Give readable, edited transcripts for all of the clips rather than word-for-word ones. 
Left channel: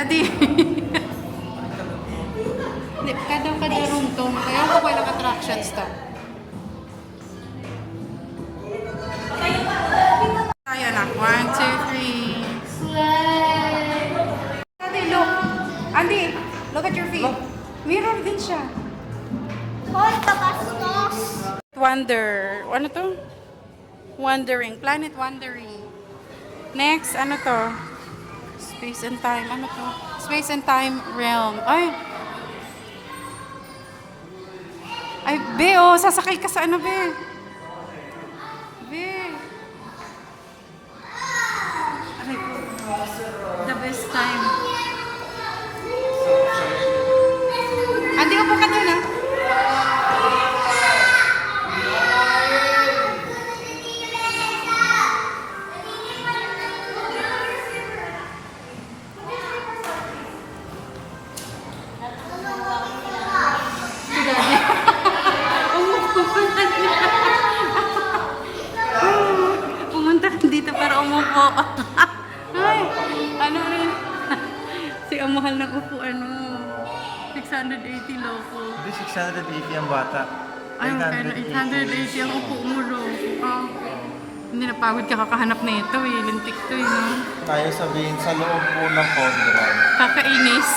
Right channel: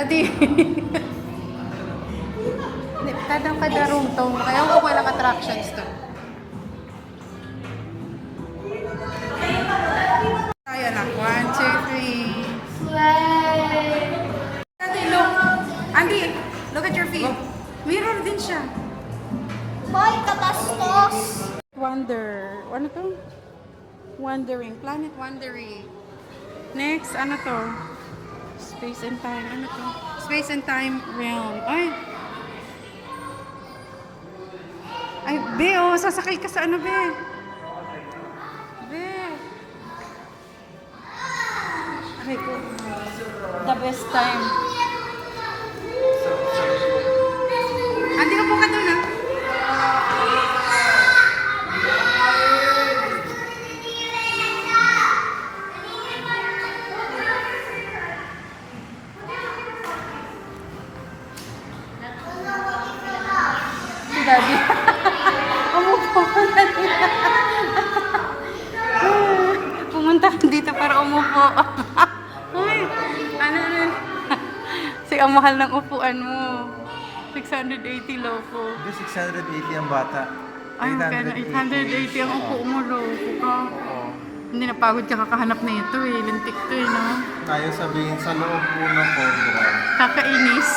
Daddy. Hindi, kada room to. Kaya ko ilang attractions to. Tayo na. 1, 2, 3. Slide. Daddy, look. Andy, look at your feet. Mirror din siya. Hoy, kabastos! Wonder. Ano to? Wandering. Planet Wandering. Next, ano to? Space and Time. Ano to? Space and Time Realm. Ay. Ay, Be, oh. Sasakay ka sa ano, Be? Be. Aray ko. The best time. Andi, upo ka doon, ah. Si Daddy. Umupo na niya. Pumunta ka dito para umupo. Ay, ano rin. Si ang mahal ng upuan mo. 680 loko. Hindi, 680 ang bata. Ay, kaya 880 ang upo mo, loko ka. Oo. Hindi napagod ka kakahanap na ito eh. Lintik to eh, no? Kaya sabihin sa loob po ng Conrad. Kakainis.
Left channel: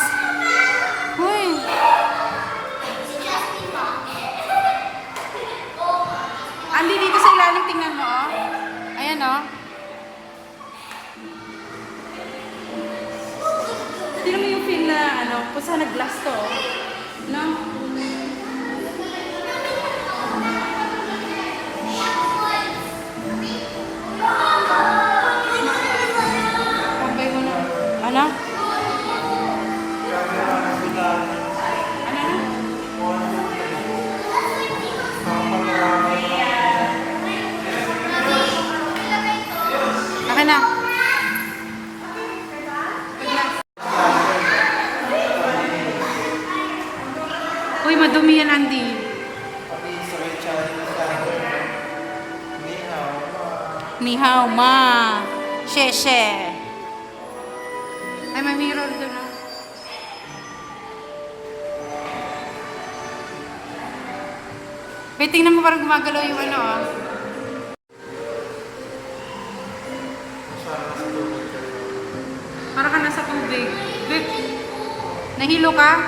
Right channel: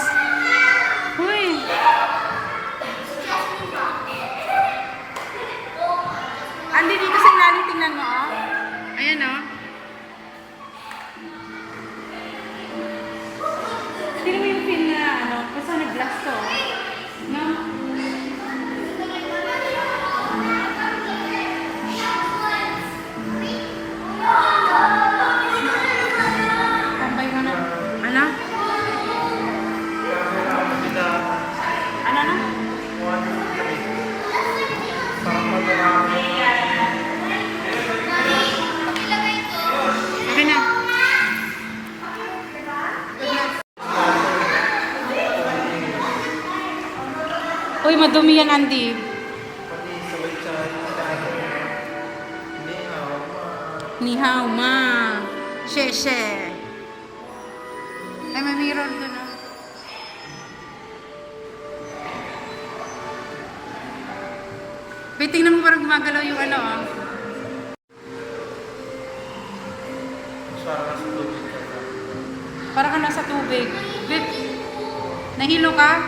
Uy! Andi, dito sa ilalim, tingnan mo, oh. Ayan, oh. Tingnan mo yung film na, ano, kung saan nag-blast to, no? Tambay mo na. Ano? Ano, ano? Okay na. Good night. Uy, madumi yan, Andy. Ni hao ma. She. Ay, may mirror doon, ah. Wait, tingnan mo parang gumagalaw yung ano, ah. Parang nasa tubig ka. Para ka nasa tubig. Wait, nahilo ka?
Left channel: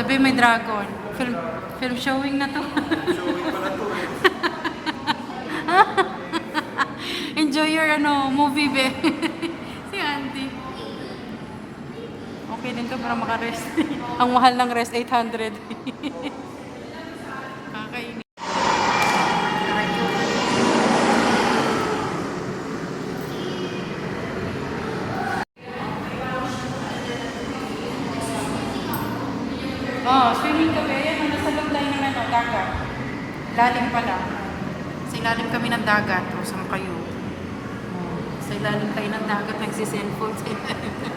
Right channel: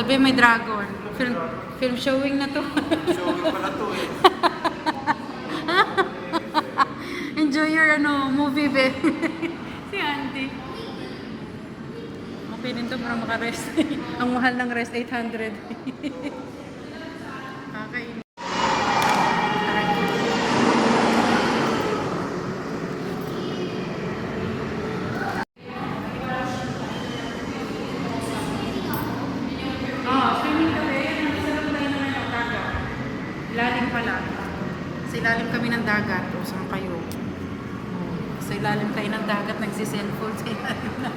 Dabi may dragon. Film showing na to. Showing pala to eh. Enjoy your movie, be. Si Auntie. Okay din to para makarest. Ang mahal ng rest, 800. Kakainin. Aray ko. Oh, swimming kami. Ayan, nasa loob tayo ng dagat. Ilalim pala. Sa ilalim kami ng dagat. O, saan kayo? Oh, sa ilalim kayo ng dagat, nagsiselfone sa ilalim ng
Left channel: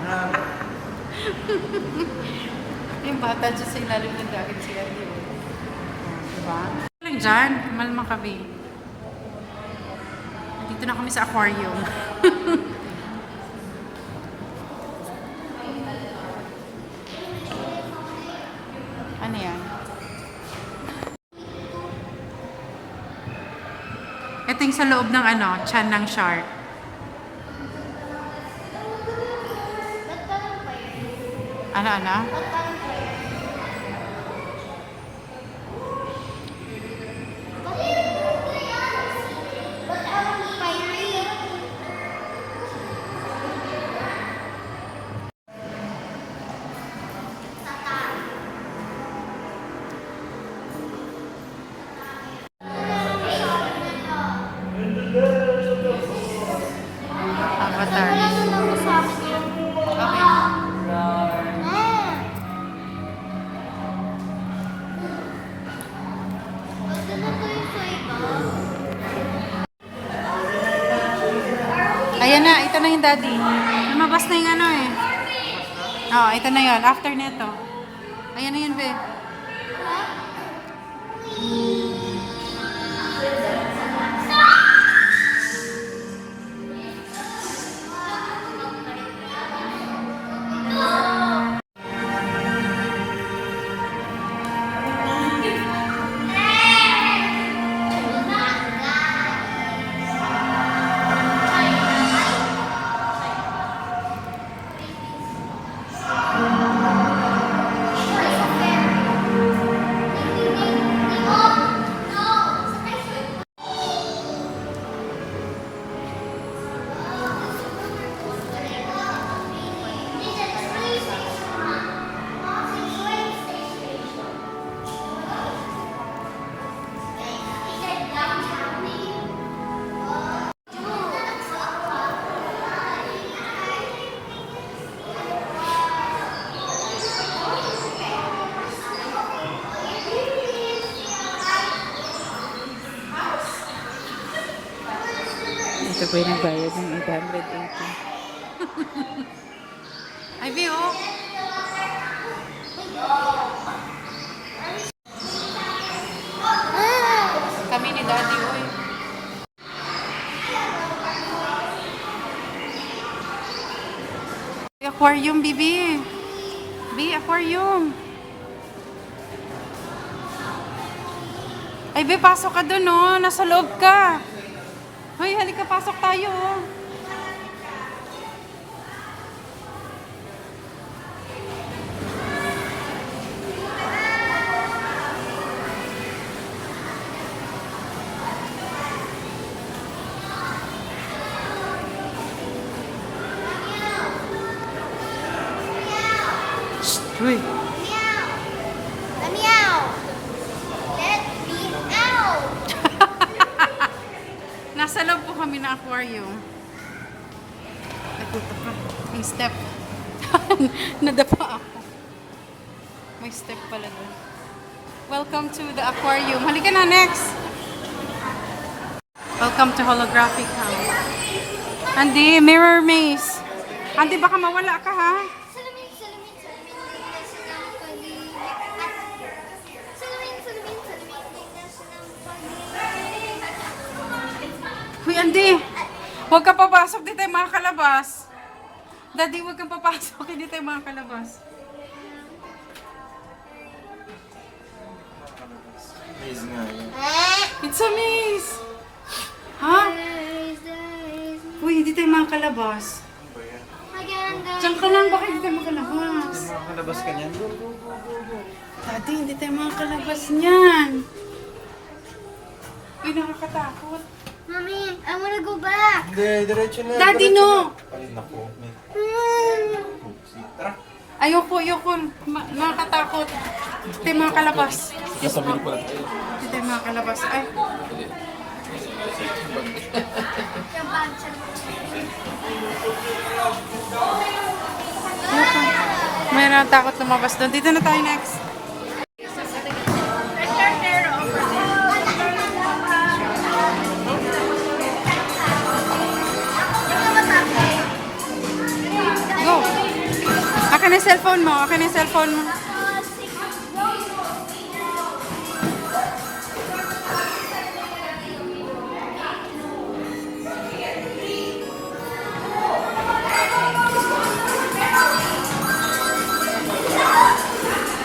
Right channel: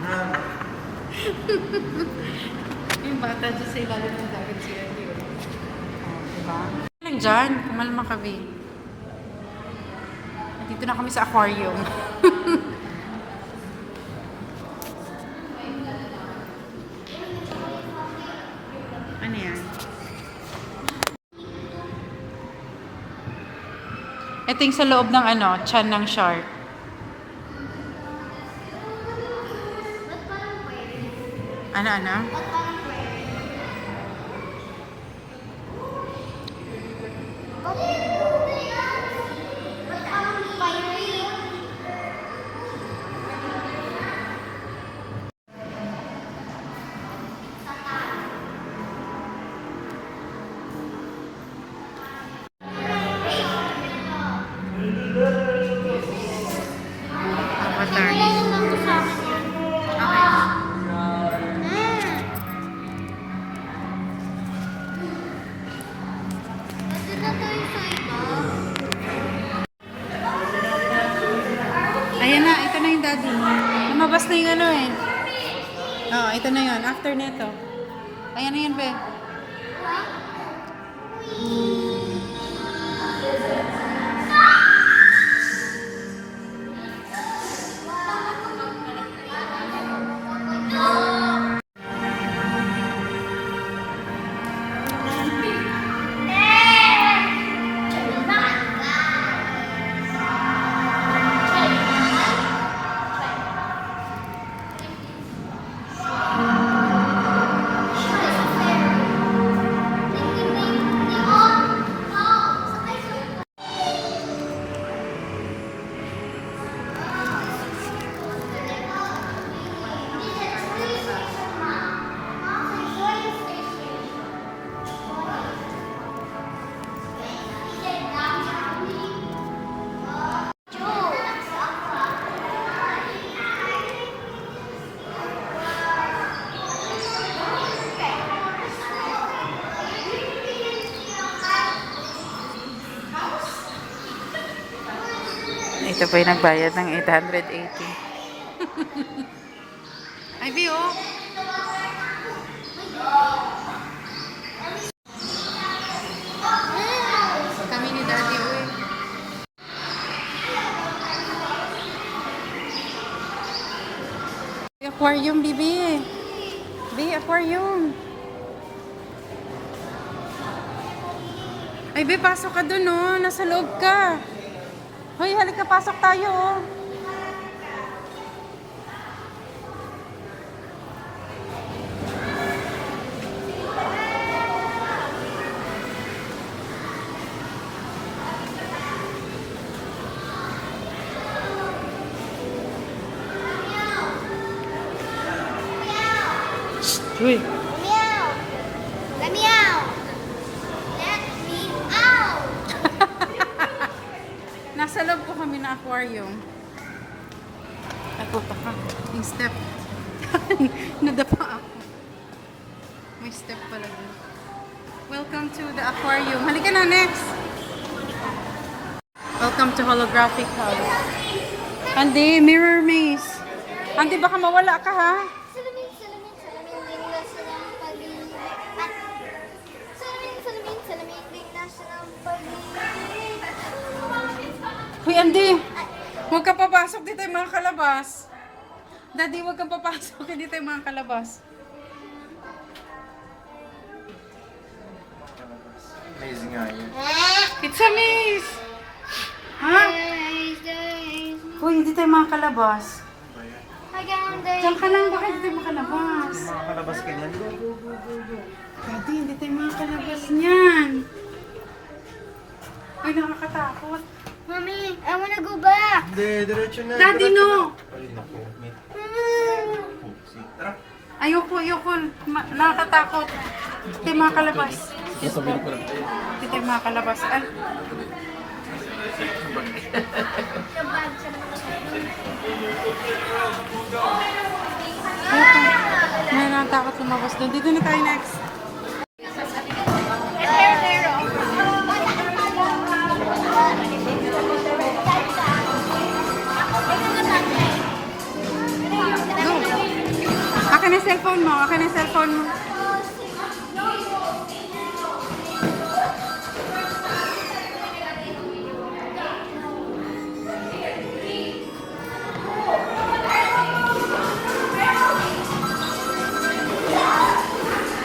dagat. Yung bata dyan sa ilalim ng dagat siya. Oh, diba? Lang dyan, kumalma kami. Dito na kami sa aquarium. Ano yan? Ito yung sa loob ng tiyan ng shark. Ba't parang fire? Ano? Ba't parang fire? Ba't parang fiery? Ayan na, ito na yung daddy. Lumabas na yung ano eh. Oh, ito na yun. After neto. Ayan na yun, be. Ito po yung nagbayad ng 880. Ay, Bi, oh. Kami ni Daddy, oh. Aquarium, Bibi. Bi, aquarium. Ay, Bi, pasok ka dun, oh. Nasa loob ka. Hoy, halika, pasok tayo, oh. Shh, uy. Meow. Meow. Let me out. Nasa loob po kami ng aquarium. Ay, puta ka. May step. Nadapa ako. May step pala doon. Welcome to the aquarium. Halika na, next. Welcome to Holographic House. Andy, mirror maze. Andy, baka mawala ka, ha? Salamin, salamin, salamin, tingnan ng pag-ibig. At salamin, salamin, salamin, tingnan ng pag-ibig. Uy, Andy. Huwag ka papasok. Di tayo makakalabas. Daddy, huwag kang papasok. Hindi tayo makakalabas. Maze nga yan. It's a maze. Ha? Uy, hindi tayo makakalabas. Ano ba yan? Maganda. Diyan ka lang. Bakit hindi tayo makalabas? Makakalabas ka niyan. Go, go, go, go, go. Daddy, hindi tayo makakalabas niyan. Uy, nakakatakot. Mommy, I wanna go back. Hindi, diretso na. Daddy, diretso no. na. Ay, naku. May pusi. Tara. Ayoko, ayoko. Nakakatakot. Hindi tayo makakalabas. Yes, po. Hindi tayo makakalabas. Ay. Ayoko. May natakot lumabas doon. Dito na tayo next. Go. Akin ang cellphone mo. Akin ang cellphone mo.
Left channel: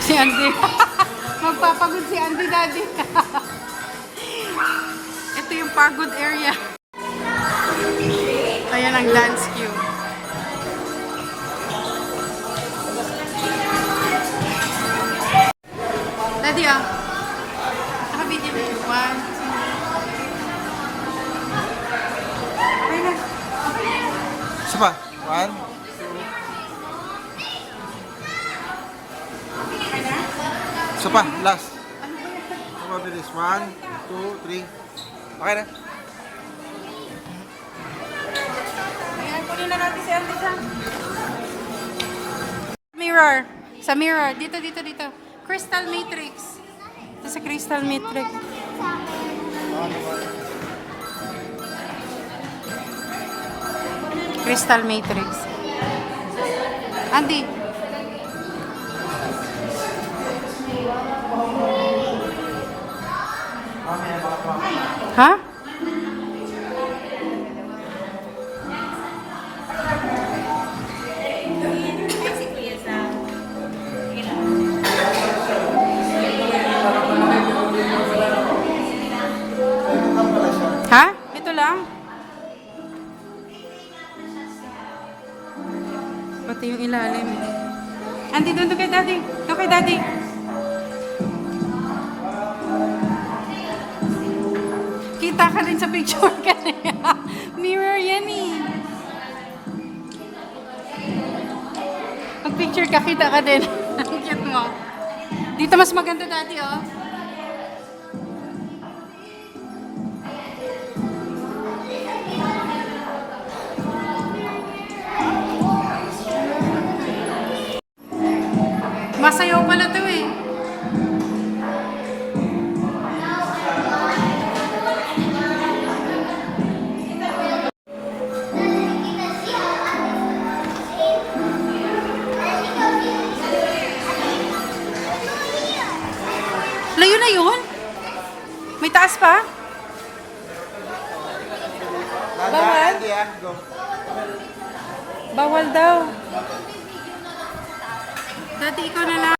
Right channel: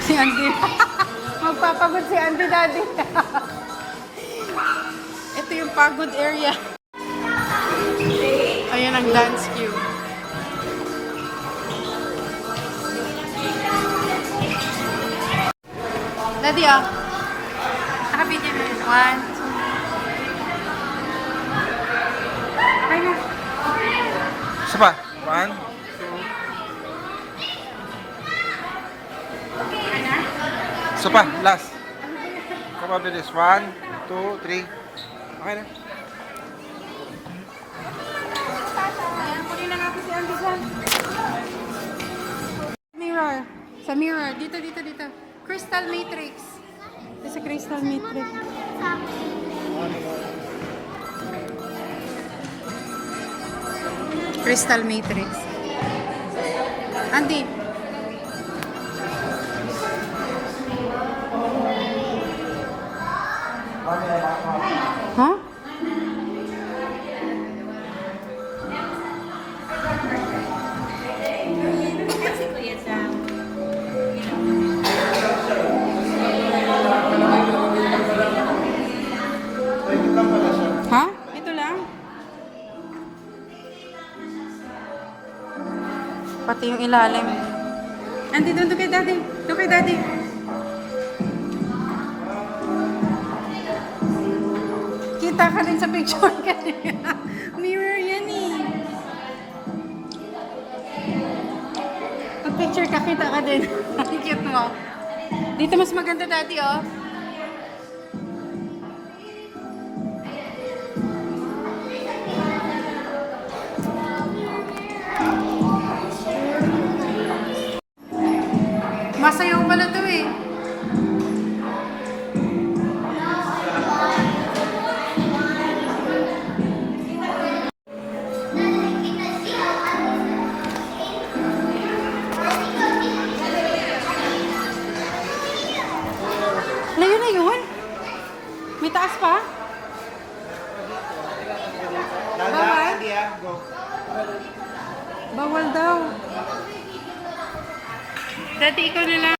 Si Andy. Magpapagod si Andy, Daddy. Ito yung pagod area. Ayan ang dance cue. Daddy, ah. Nakabigyan na rin. 1, 2. Okay na. Isa pa. 1, 2. Okay na. Isa pa. Last. Come on, bilis. 1, 2, 3. Okay na. Ayan, kunin na natin si Andy dyan. Mirror. Sa mirror. Dito, dito, dito. Crystal Matrix. Ito sa Crystal Matrix. Sa akin. Crystal Matrix. Andy. Ha? Ha? Ito lang? Pati yung ilalim. Andy, doon kay daddy. Doon kay daddy. Kita ka din sa picture kanina. Mirror yan eh. Pag picture ka, kita ka din. Ang cute mo. Dito mas maganda daddy oh. Masayaw pala to eh. Layo na yun? May taas pa? Bawal? Bawal daw. Dati ikaw na lang.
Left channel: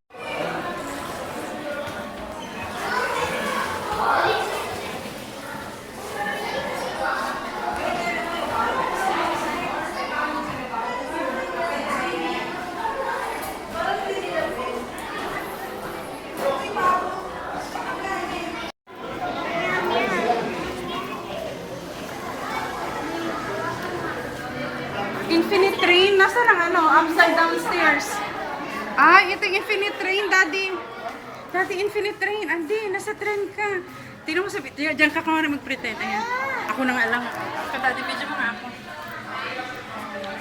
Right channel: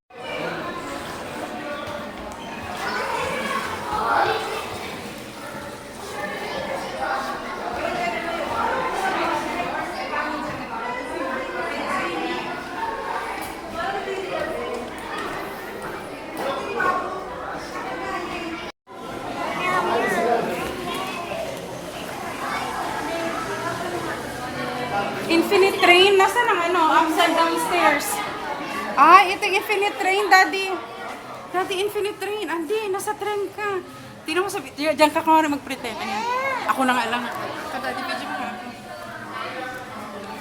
Infinite train? Nasaan ang ano? Upside downstairs. Ah, ito yung infinite train, daddy. Daddy, infinite train. Andi, nasa train ka. Tingnan mo sa... Diyan ka kumari mag-pretend. Ayan. Ako na nga lang. Daddy, video mo nga ako.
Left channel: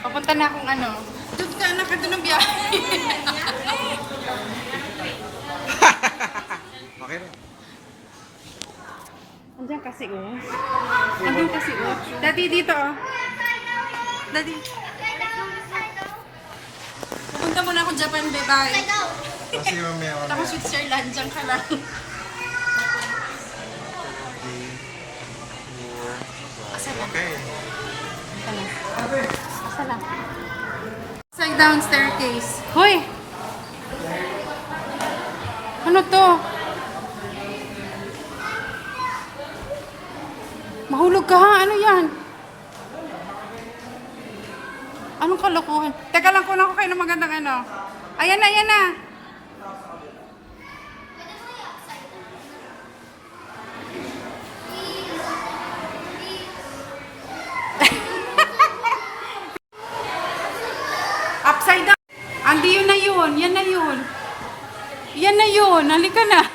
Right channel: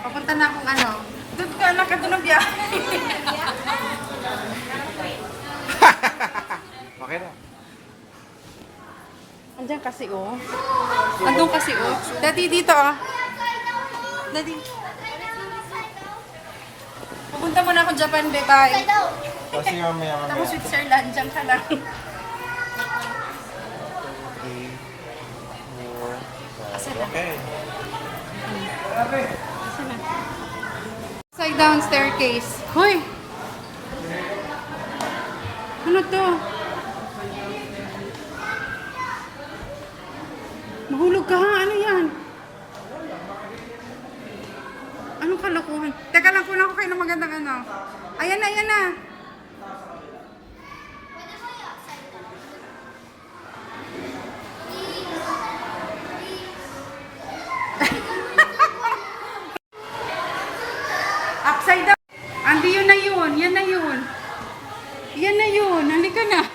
Papunta na akong ano. Doon ka, doon ang biyahe. Okay na. Andiyan kasi oh. Andun kasi oh. Daddy, dito oh. Daddy. Pupunta muna ako Japan, bye-bye. Kasi mamaya. Tapos Switzerland, dyan ka lang. 2, 3, 4, 5. Okay. Asa na? Upside down staircase. Hoy! Ano to? Mahulog ka ha? Ano yan? Anong kalokohan? Teka lang, kunan ko kayo ng magandang ano. Ayan na, ayan na. Upside down. Andi, yun na yun. Yan na yun. Yan na yun. Halika na.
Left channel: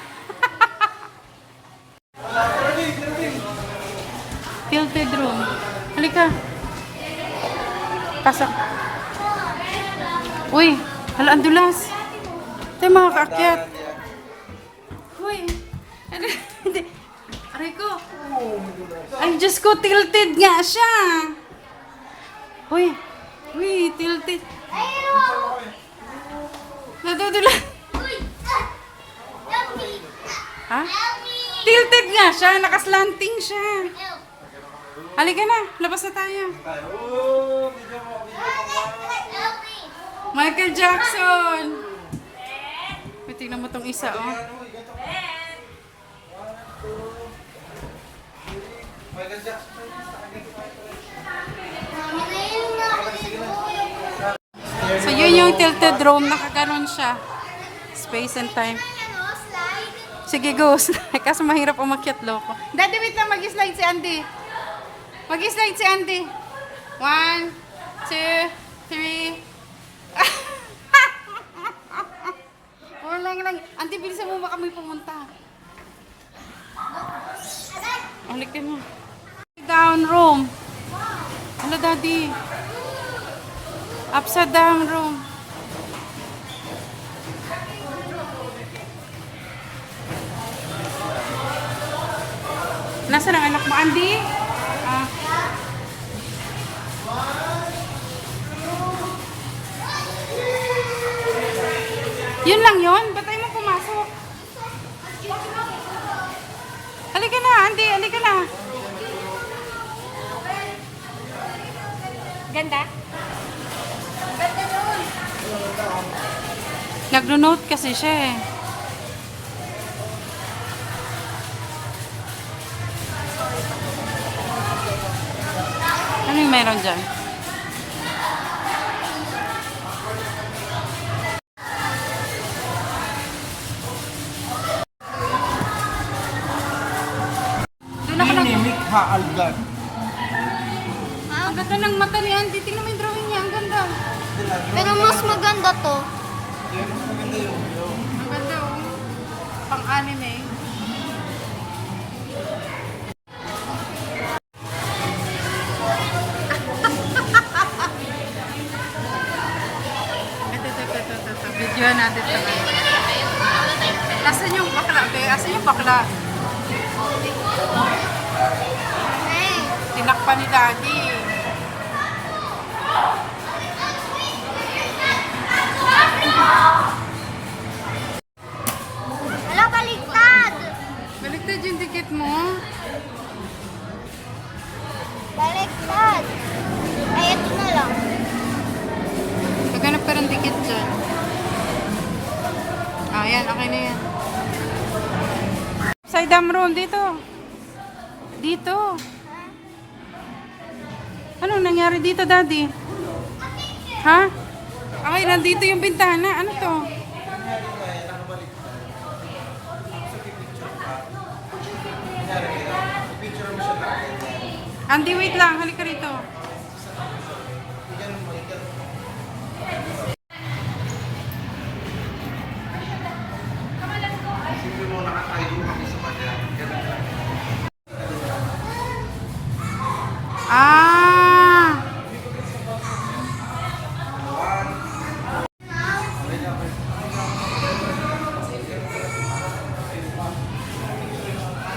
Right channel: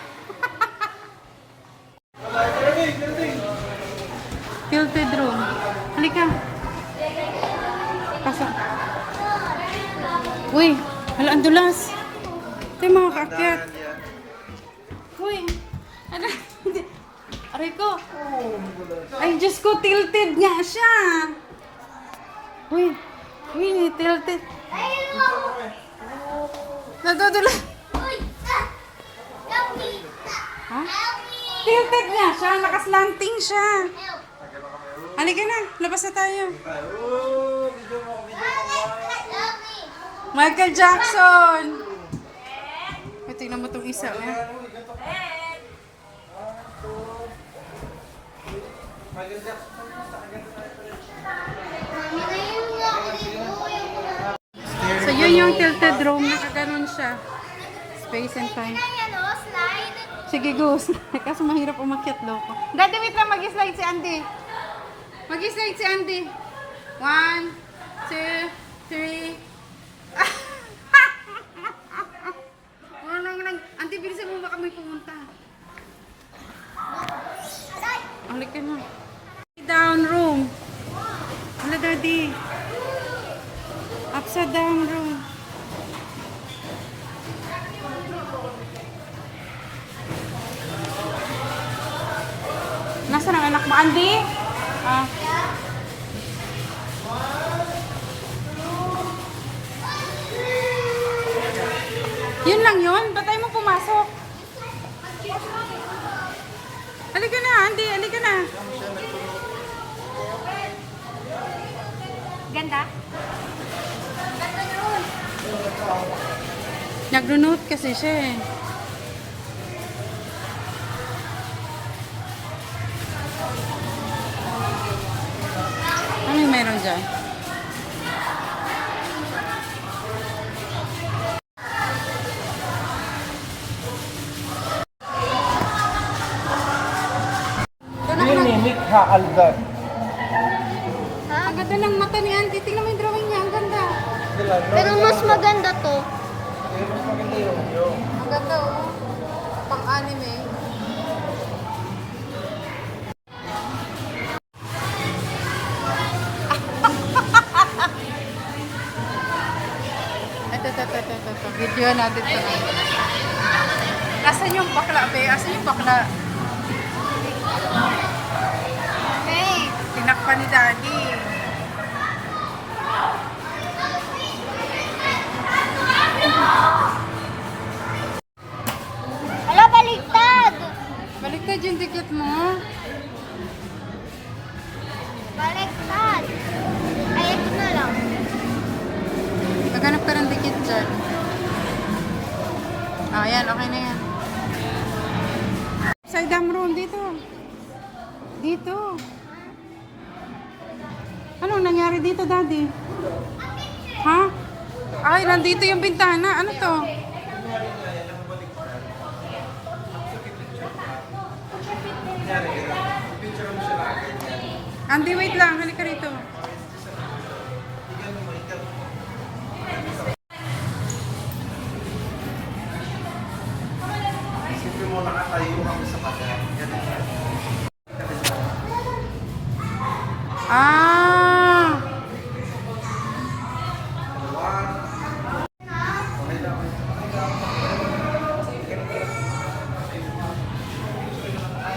Tilted room. Halika. Pasok. Uy, hala, ang dulas. Ito yung mga kaakyat. Uy, hala, hindi. Aray ko. Ay, Diyos ko, tilted nga siya. Uy, tilted. Nadudulas. Ha? Tilted nga siya, nakaslanting siya. Halika na, labas na tayo. Michael Jackson! May tingnan mo itong isa, oh. So, yun yung tilted room. Nakaganon siya. Space and time. Sige, go. Kasi mahirap umakyat, loko. Daddy, wait lang. Mag-slide si Andy. Mag-slide si Andy. 1, 2, 3. Lang. Auntie, bilisan mo ba kami pumunta? Alikin mo. Down room. Hala, daddy. Upside down room. Nasaan ang anak mo, Andy? Ah. Yun lang yun? Ba't tayo mo pumasok? Halika na, Andy. Halika na. Ganda? Ganda yun. Nagdo-note kasi siya eh. Anong meron dyan? Doon ako lang. Ini Mikha Algan. Ha? Ang ganda ng mata ni Andy. Tingnan mo yung drawing niya. Ang ganda. Pero mas maganda to. Mas maganda yung. Ang ganda oh. Pang-anime. Ito. Video natin ito. Asan yung bakla, be? Asan yung bakla? Hey! Tinakpan ni Daddy. Ala, baliktad! Baliktad yung dikit mo. Baliktad! Ay, ito na lang. Naghanap ka ng dikit dyan. Ah, yan. Okay na yan. Sa idam room, dito. Dito. Anong nangyari dito, Daddy? Ha? Ay, nandito yung bintana. Ano to? Andy, wait lang. Halika rito. Isipin mo, nakatayo kami sa kanya. Ganun lang. Ah!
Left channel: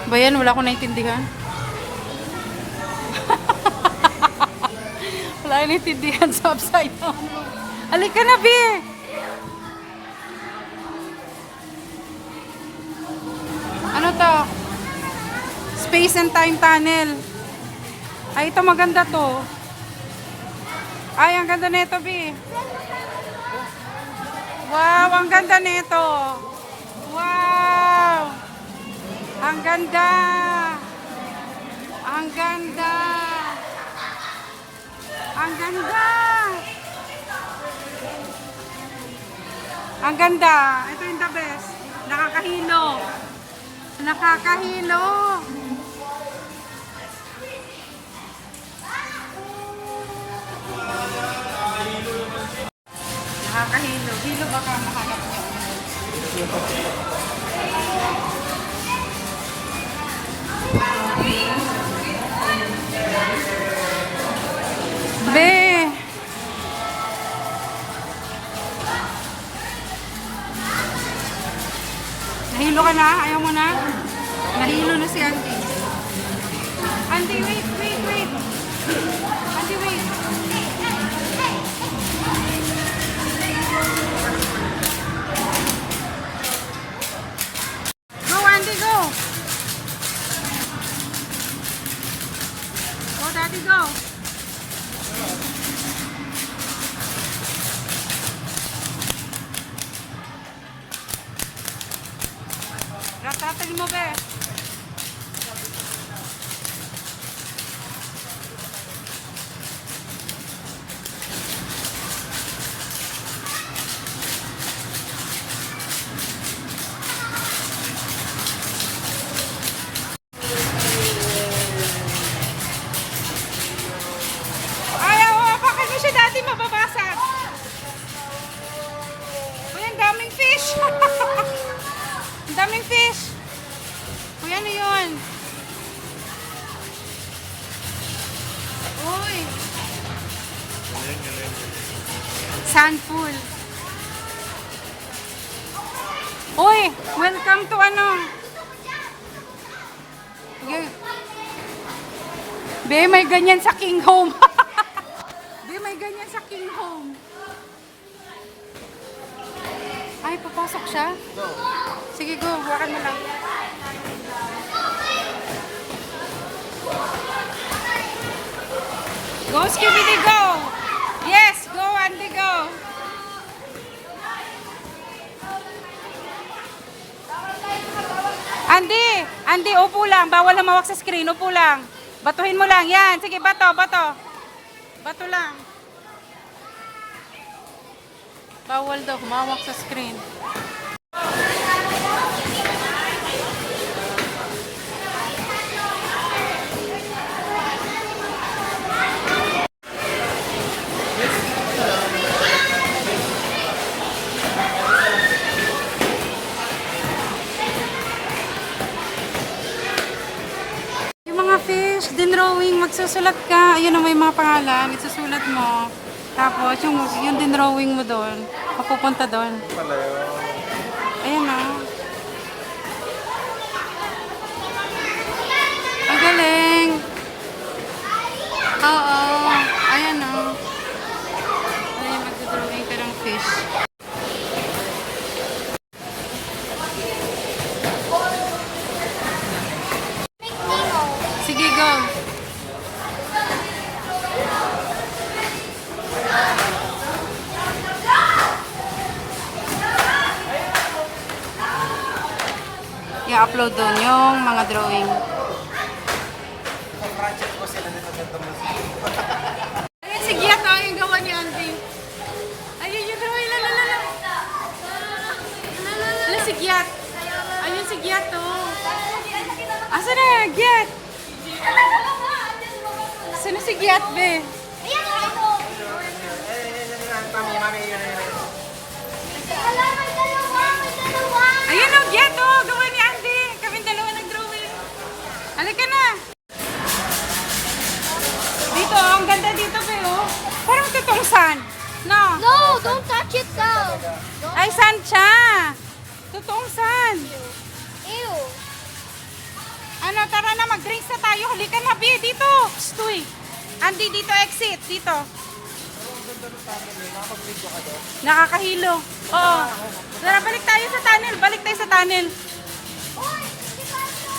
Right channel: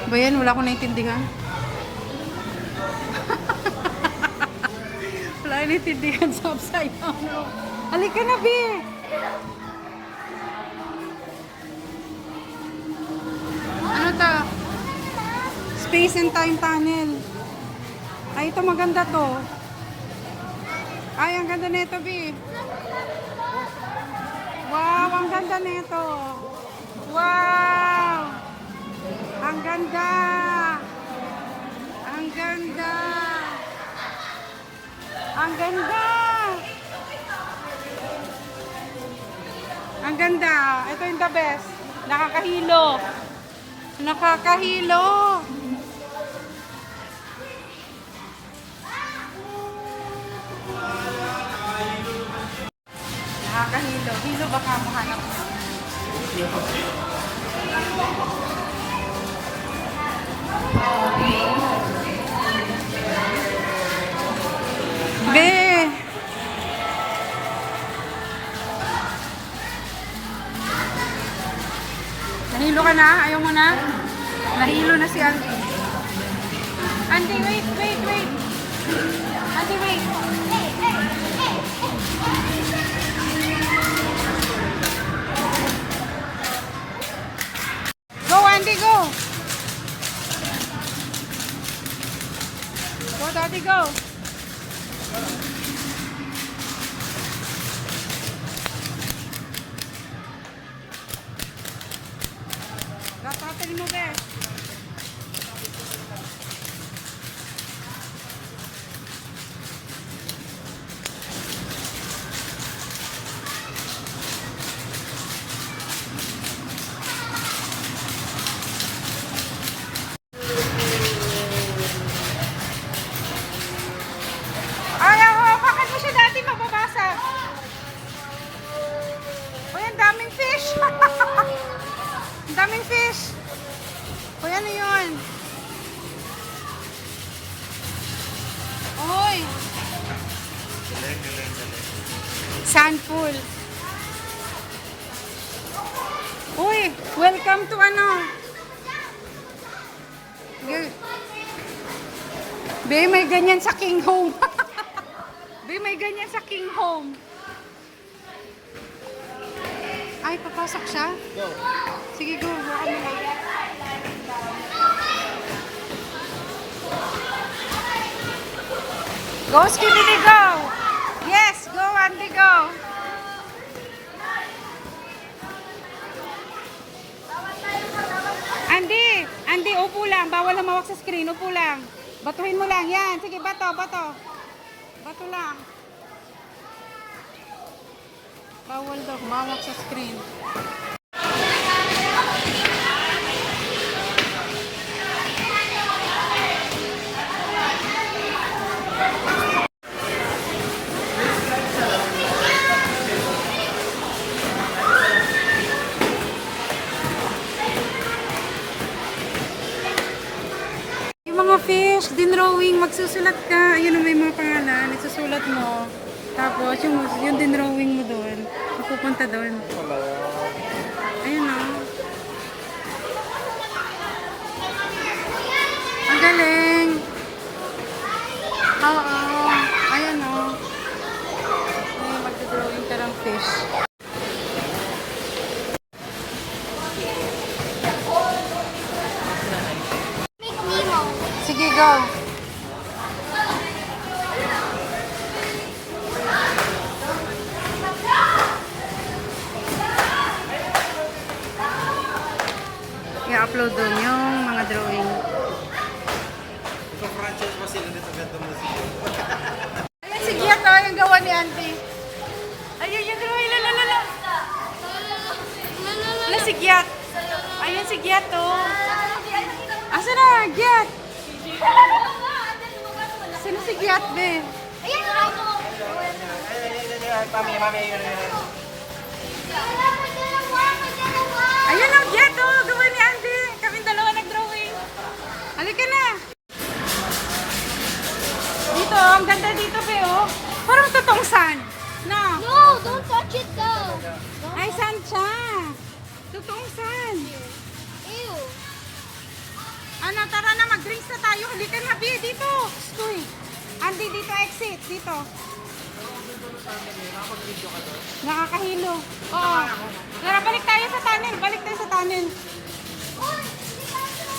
Ba yan? Wala akong naintindihan. Wala akong naintindihan sa upside down. Halika na, Bi! Ano to? Space and Time Tunnel. Ay, ito maganda to. Ay, ang ganda nito, Bi. Wow, ang ganda nito. Wow! Ang ganda! Ang ganda! Ang ganda! Ang ganda! Ito yung the best. Nakakahilo. Nakakahilo. Nakakahilo. Hilo baka mahanap nyo. Be! Nahilo ka na? Ayaw mo na? Nahilo na si Andy. Andy, wait. Andy, wait. Go, Andy, go. Go, Daddy, go. Gatatin mo, be. Ayaw, bakit mo siya dati mababasag? Uy, ang daming fish. Ang daming fish. Uy, ano yun? Uy. Galing. Sandpool. Uy, welcome to ano? Be, may ganyan sa King Home. Be, may ganyan sa King Home. Ay, papasok siya? Sige, go. Hawakan mo lang. Go, Scooby, go! Yes, go, Andy, go! Andy! Andy, upo lang. Bawal na mawak sa screen. Upo lang. Batuhin mo lang. Yan. Sige, bato, bato. Bato lang. Bawal daw. Mawak sa screen. Yung mga fish, din drawing, magsusulat ka. Ayun na may mga pangalan, isusulat mo. Tapos yung din drawing mo doon, mapupunta doon. Pala yun. Ayun na. Ang galing. Oo. Ayan o. Ay, magdodrawing ka ng fish. Make Nemo. Sige, go. I-upload doon yung mga drawing. Ayan si Giat, oh, yung gawa ni Andy. Ayun yung drawing, lalalala. Wala si Giat. Ayun si Giat, oh. Asa na, Giat? Asa na si Giat, be? Ayan ako. Mami, mami, yun. Ala, may dalawa, may dalawa. Ayun, oh, Giat, oh. Gawa ni Andy. Kaming dalawa nag-drawing. Halika na. Dito, oh, ang ganda dito, be, oh. Parang totoong sand. No? No, don't touch it though. Ay, sand siya. Totoong sand. Ew. Ano, tara na, mag-drinks na tayo. Halika na, Bi, dito. Stoy. Andy, dito, exit. Dito. Nakakahilo. Oo. Tara, balik tayo sa tunnel. Balik tayo sa tunnel. Oy, si Paso.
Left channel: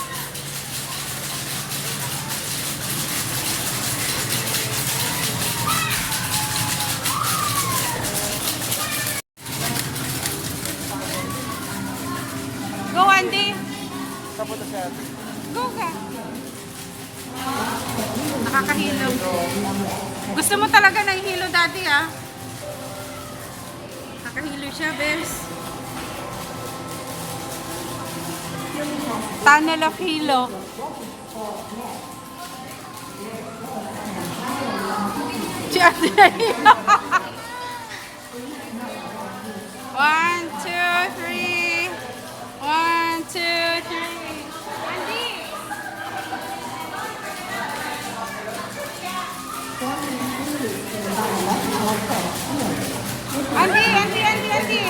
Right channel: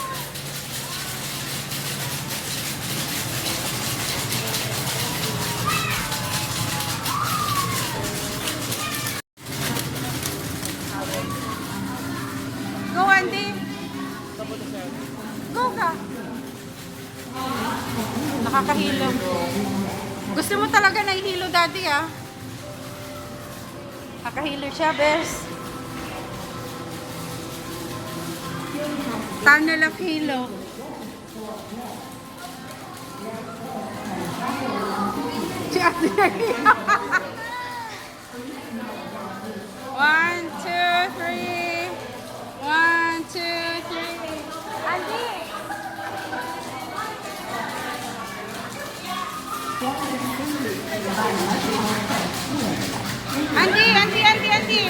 Go, Andy. Go ka. Nakakahilo. Gusto mo talaga na ihilo, Daddy, ah? Nakahilo siya, bes. Tunnel of Hilo. One, two, three. One, two, three. Andy! Andy!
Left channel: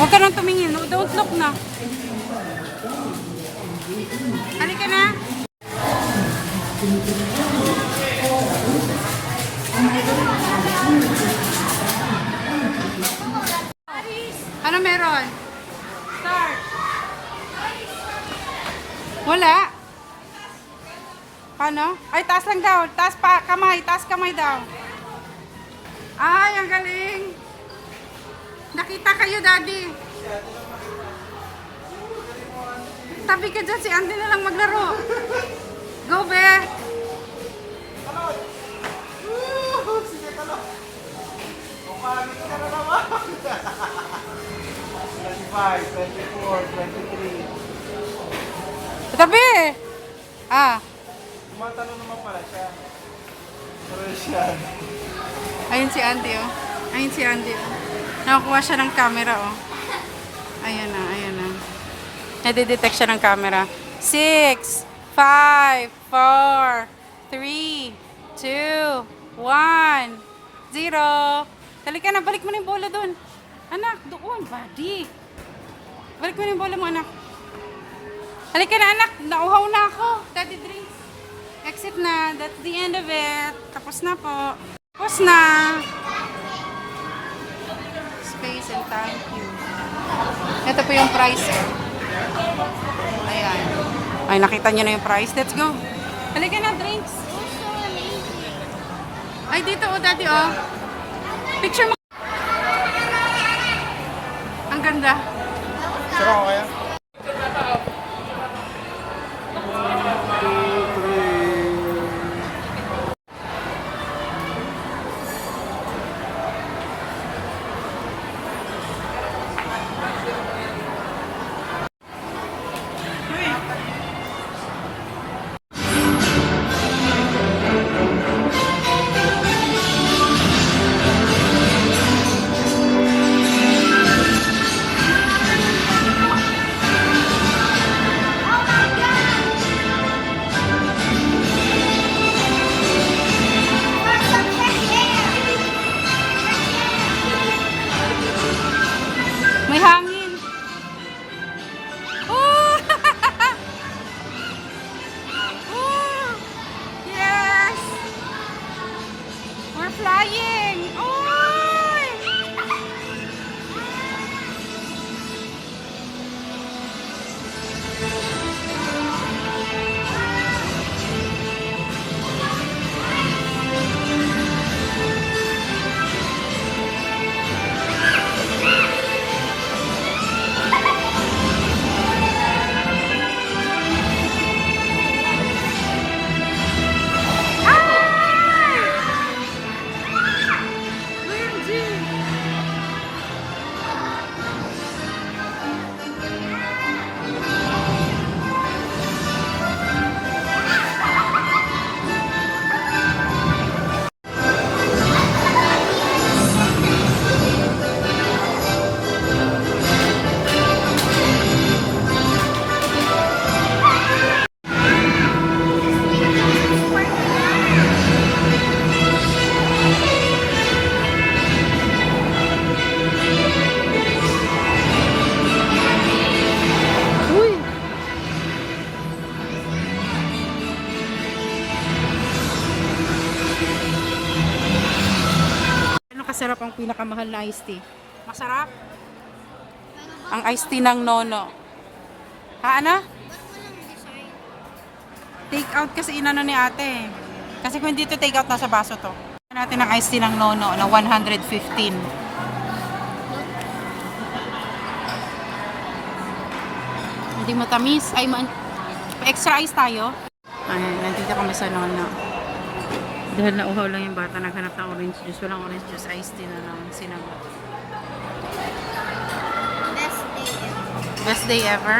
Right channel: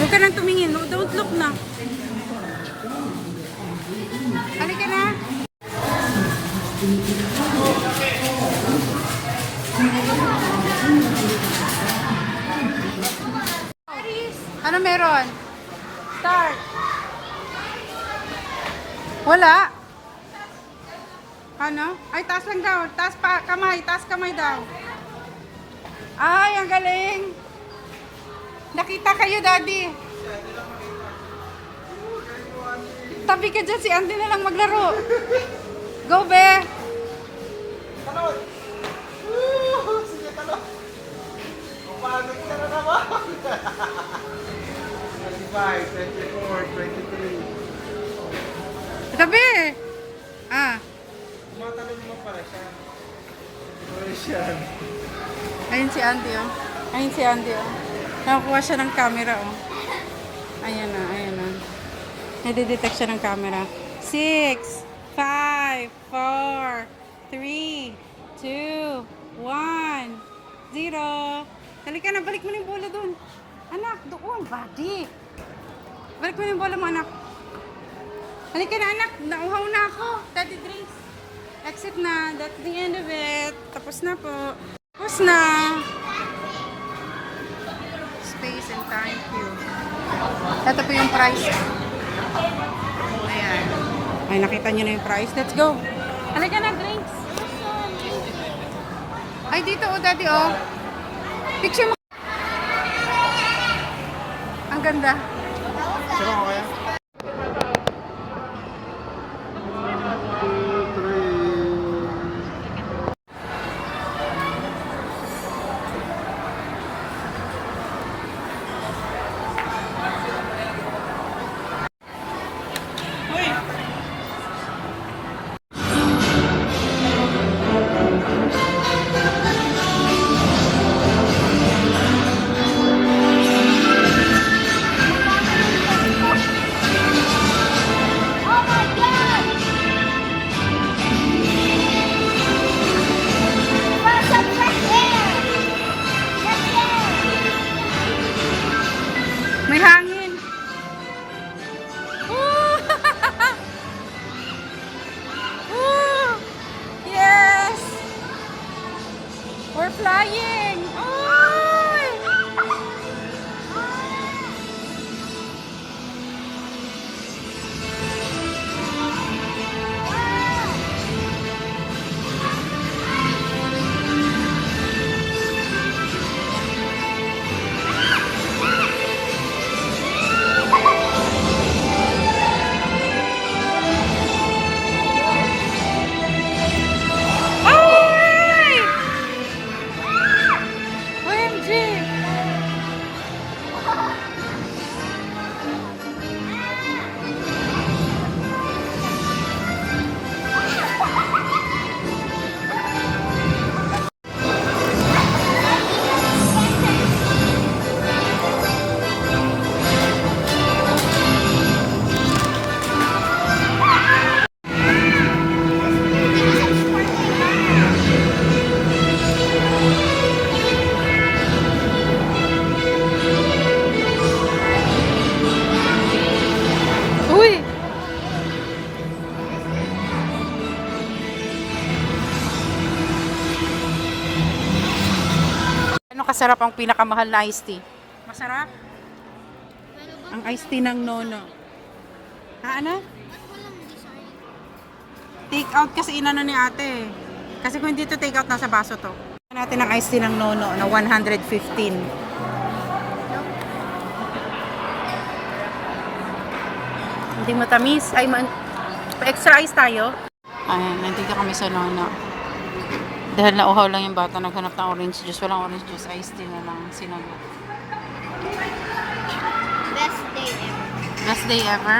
Huwag ka nang tumingin. No, don't look na. Halika na. Ano meron? Start. Wala. Ano? Ay, taas lang daw. Taas pa, kamay. Taas kamay daw. Ay, ang galing. Nakita kayo, Daddy. Tabi ka dyan, si Andy na lang maglaro. Go, be. Talon! Sige, talon! Kapagod ka na naman! 25, 24, 23. Tabi. Ah. Tumatalo naman pala siya. Persian. Ayun si Andy, oh. Ayun si Andy, oh. Nakakuha siya ng camera, oh. Ayan na, ayan na. Nade-detect siya ng camera. 6, 5, 4, 3, 2, 1, 0. Halika na, balik mo na yung bola doon. Anak, doon, buddy. Balik mo na yung bola mo, anak. Halika na, anak. Nauhaw na ako. Daddy drinks. Exit na. That's the end of it. Tapos na po. Tapos na. Space and thank you. Ito po yung price ko. Ayan. Ay, nakita nyo na yung price. Let's go. Halika na, drinks. It was so amazing. Ay, dito oh, daddy oh. Picture mo. Ang ganda. Sino ko kaya? 1, 2, 3. Oh my God! For some fresh air! Fresh air! May hangin. Woo! Woo! Yes! We're flying! Oy! Ay! OMG! Uy! Ano kasarap ang pinakamahal na iced tea? Masarap? Pero Ang iced tea ng Nono. Ha, Ana? ba't walang design? Take out kasi inano ni ate. Kasi kung hindi to take out, nasa baso to. Natin ang iced tea ng Nono na 115. Hindi matamis. Ay, extra ice tayo. Ayan, nandito kami sa Nono. Dahil nauhaw lang yung bata, naghanap ng orange juice. Walang orange juice, iced tea na lang sinagot. Best day ever. Best day ever?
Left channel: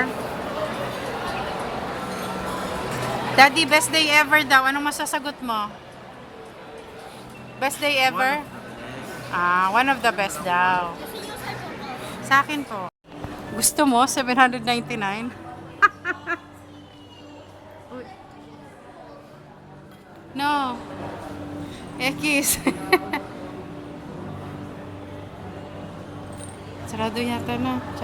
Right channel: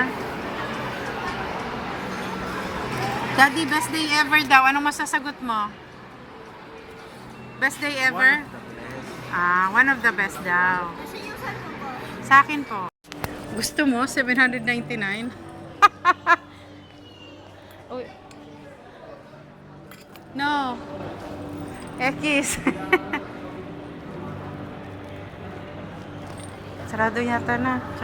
Daddy, best day ever daw. Anong masasagot mo? Best day ever? Ah, one of the best daw. Nasaan yung cellphone ko? Sa akin po. Gusto mo? 799? Uy. No. Ekis. Sarado yata na.